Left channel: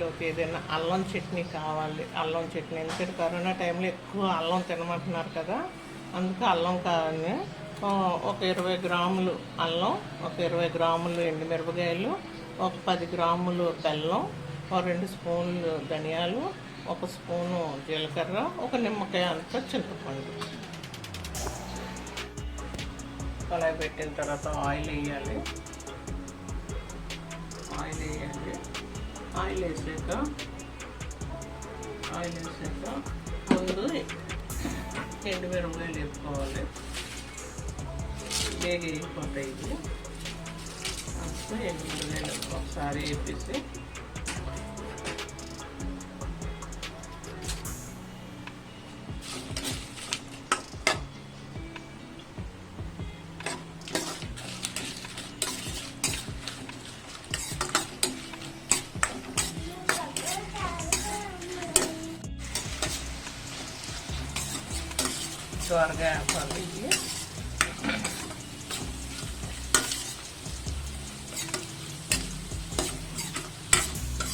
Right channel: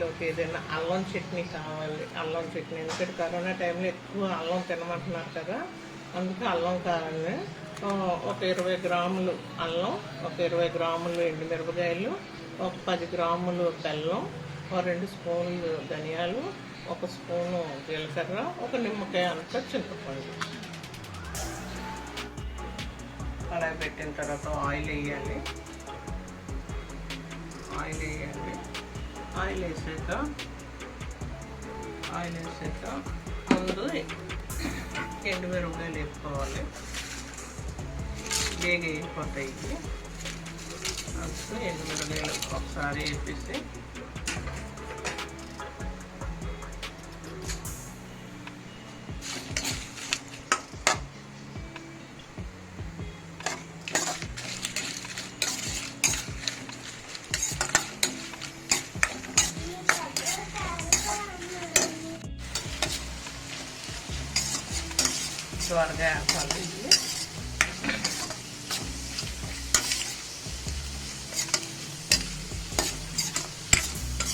చట్నీలోకి ఏదైనా అల్లం చట్నీ కావాలి. అల్లం చట్నీ ఎందుకంటే కరోనా టైంలో ఎక్కువ అల్లం తినమంటున్నారు కదా, అందుకే అల్లం కావాలి. ఒక 20 గ్రాములు అల్లం, ఒక 20 గ్రాములు ఎండుమిరపకాయలు, ఒక 10 గ్రాములు బెల్లం, ఒక 2 స్పూన్లు ధనియాలు, ఒక స్పూను జీలకర్ర, ఒక నిమ్మకాయ అంత చింతపండు. కళాయి పెట్టిన తర్వాత ఆయిల్ వేయాలి. ఆయిల్ వేసాక ముందు ఎండుమిరపకాయలు వేసుకోవాలి. బేగ వేగిపోతాయి. అప్పుడు ఎండుమిరపకాయలు ఒకసారి వేపేసి త్వరగా వేపాలి.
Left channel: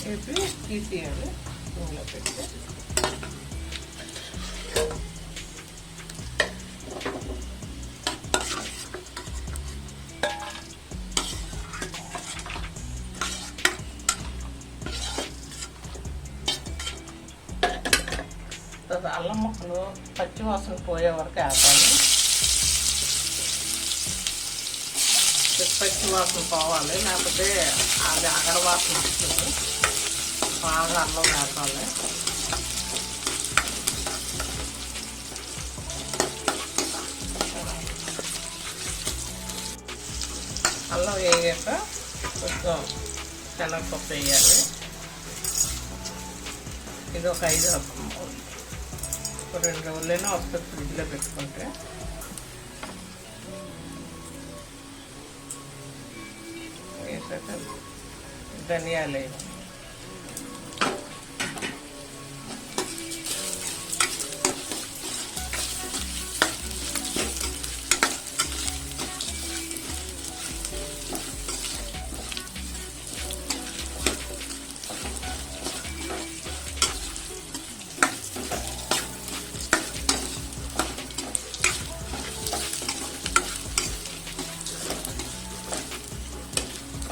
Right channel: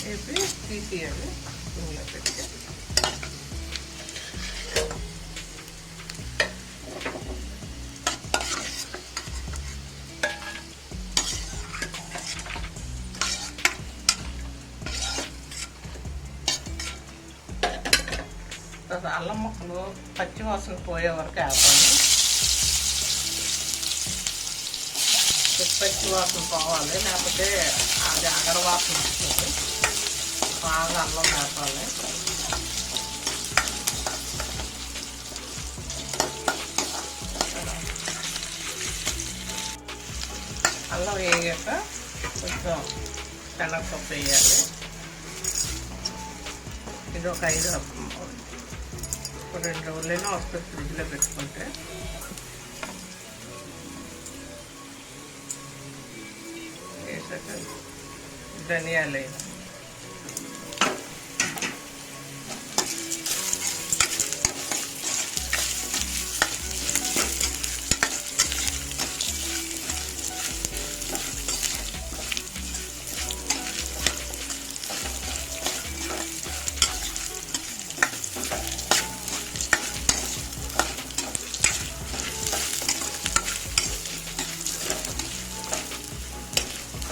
వేపి తీసేయాలి. నూనె పెట్టి అల్లం ముక్కలు పచ్చి వాసన పోయే వరకు వేపాలి. పచ్చి వాసన పోవాలి, లేకపోతే అది అగడ వాసన వస్తుంది. బాగా అల్లం వేపాలి. అల్లం వేగాక కొంచెం శనగపప్పు వేయాలి. ఇది ఒక 2 రోజులైనా వస్తుంది ఫ్రిడ్జ్లో పెట్టుకుంటే. వేసాక ధనియాలు వేయాలి.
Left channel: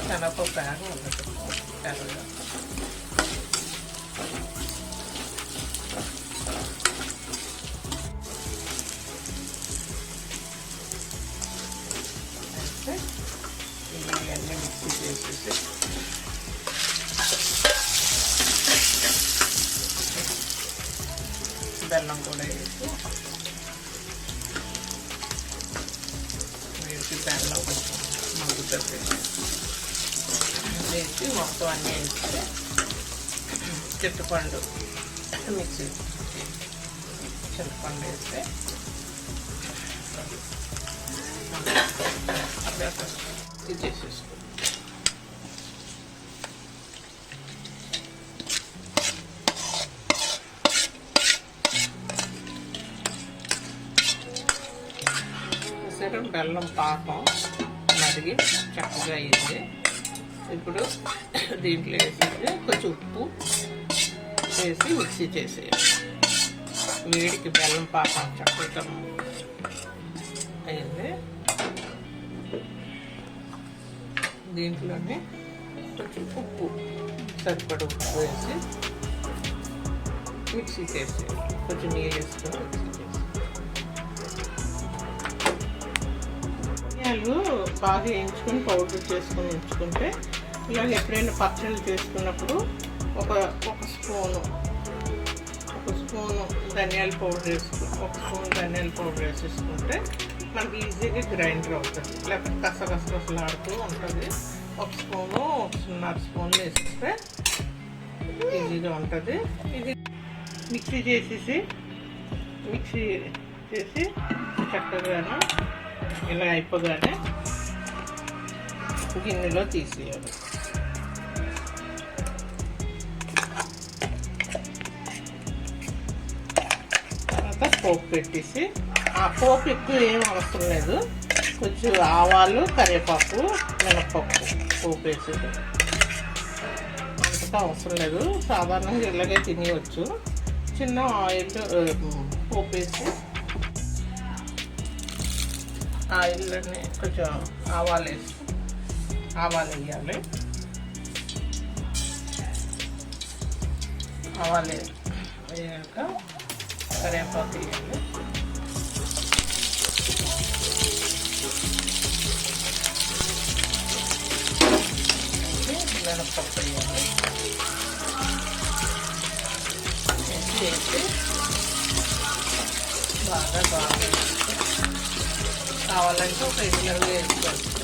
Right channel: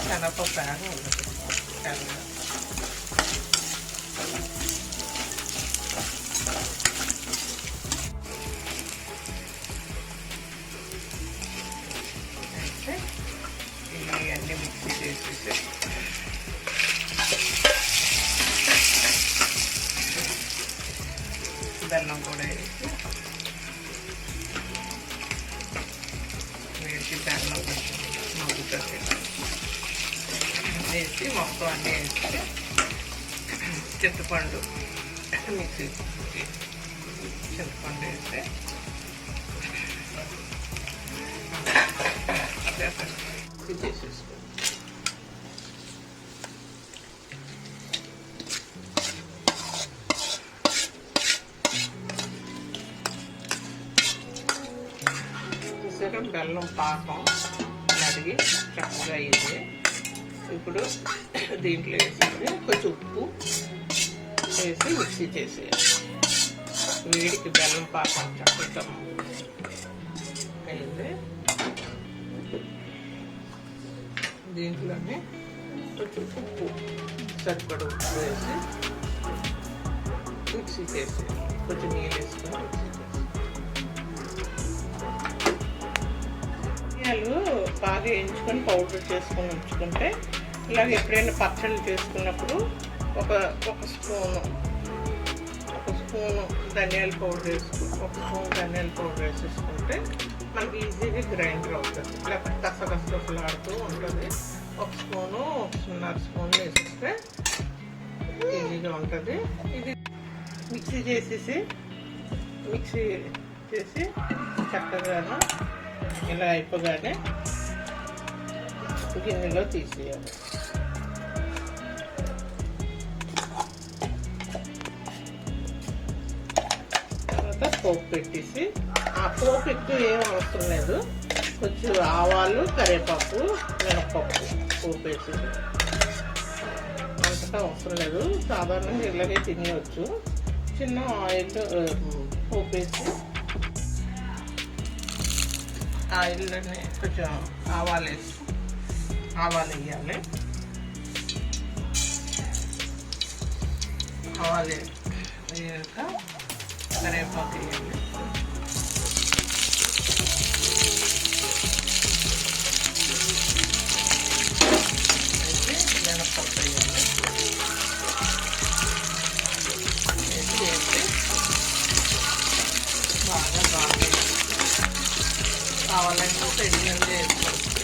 శనగపప్పు బాగా ఉండదు. అయితే ఇవన్నీ మిక్సీ చేసేసి బెల్లం కూడా వేసి వీటికి బెల్లం కొంచెం మగ్గుతో పెట్టి వేసి మొత్తం అన్నీ వేసి చింతపండు మిక్సీ చింతపండు వేస్తే ఇది చేసేసుకో. బెల్లం పాకం మరిగి చక్కగా అయింది. ఇప్పుడు దీంట్లో వేసేసి కొంచెం ఉప్పు వేసి మిక్సీ చేసేయాలి. వేడికి బెల్లం పాకం చక్కగా అయింది. దీంట్లోనే కొంచెం ఉప్పు సరిపడా ఉప్పు వేసి మిక్సీ చేసేయాలి. కొంచెం నీళ్ళు వేసుకొని మిక్సీ చేసి బాగా వేయించుకొని పౌడర్ చేసుకొని ఉంచుకుంటే ఇలాగ ఎప్పుడైనా పచ్చళ్ళు చేసుకున్నప్పుడు ఒక స్పూను ధనియాల పౌడర్ వేసేసుకుంటే మనకి ఈజీగా గ్రైండర్ అవుతుంది. లేకపోతే కసలాడుతూ ఉంటుంది. ఒక స్పూను 1.5 స్పూన్లు వేసేస్తే ఈజీగా ఉంటుంది. ఇది మిక్సీ చేసి చక్కగా ఇలా అయిపోగానే గిన్నెలో తీసేయాలి. తర్వాత పోపు పెట్టేసి, ఆ పోపు ఎక్కువ ఏం అవసరం లేదు, కొంచెం ఆవాలు, కరివేపాకు, మినపప్పు పోపు వేసేసి అంతటా అవసరం లేదు, సాధారణంగా ఇలాగే తినేయచ్చు. చిన్న ఆయిల్ పోపేసి ఆయిల్లోనే కొంచెం ఆవాలు వేయాలి. ఆవాలు వేయాక కరివేపాకు వేయాలి. మినప్పప్పు వేయాలి. వేసి బాగా బాగా కావాలంటే ఒక ఎండుమిరపకాయ వేసుకోవచ్చు.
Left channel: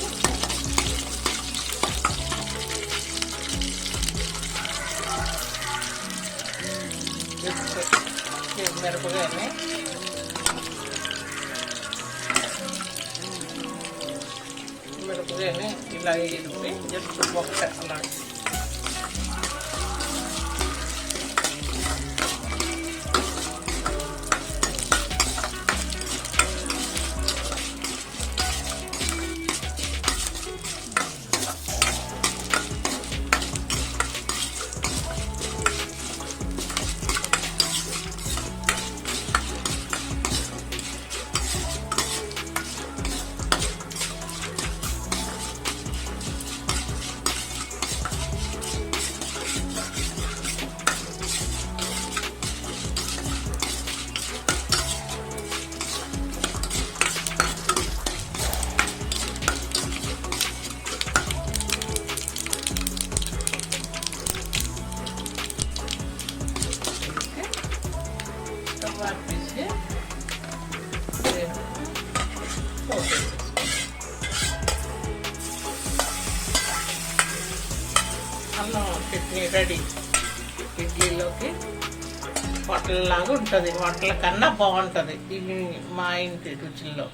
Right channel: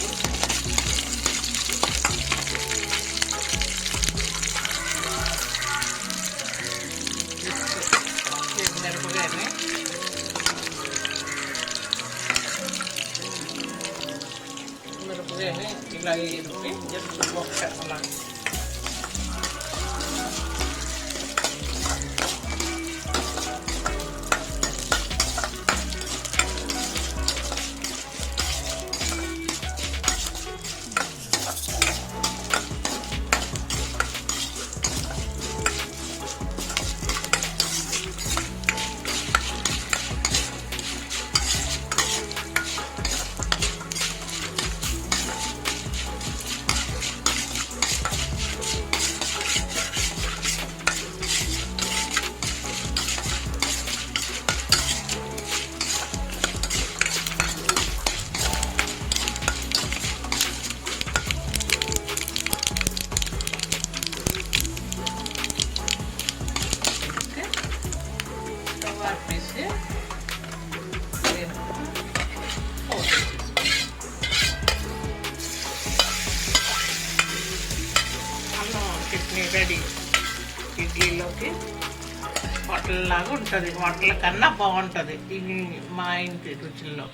మిరపకాయని ఇలా వేసి జస్ట్ ఒక్క అలా వేసి అల్లం చట్నీ రెడీ. ఇడ్లీలోకి హోటల్ లాగా ఉంటుంది, హోటల్ కన్నా బాగుంటుంది ఇది మా ఇంటి రుచుల్లో.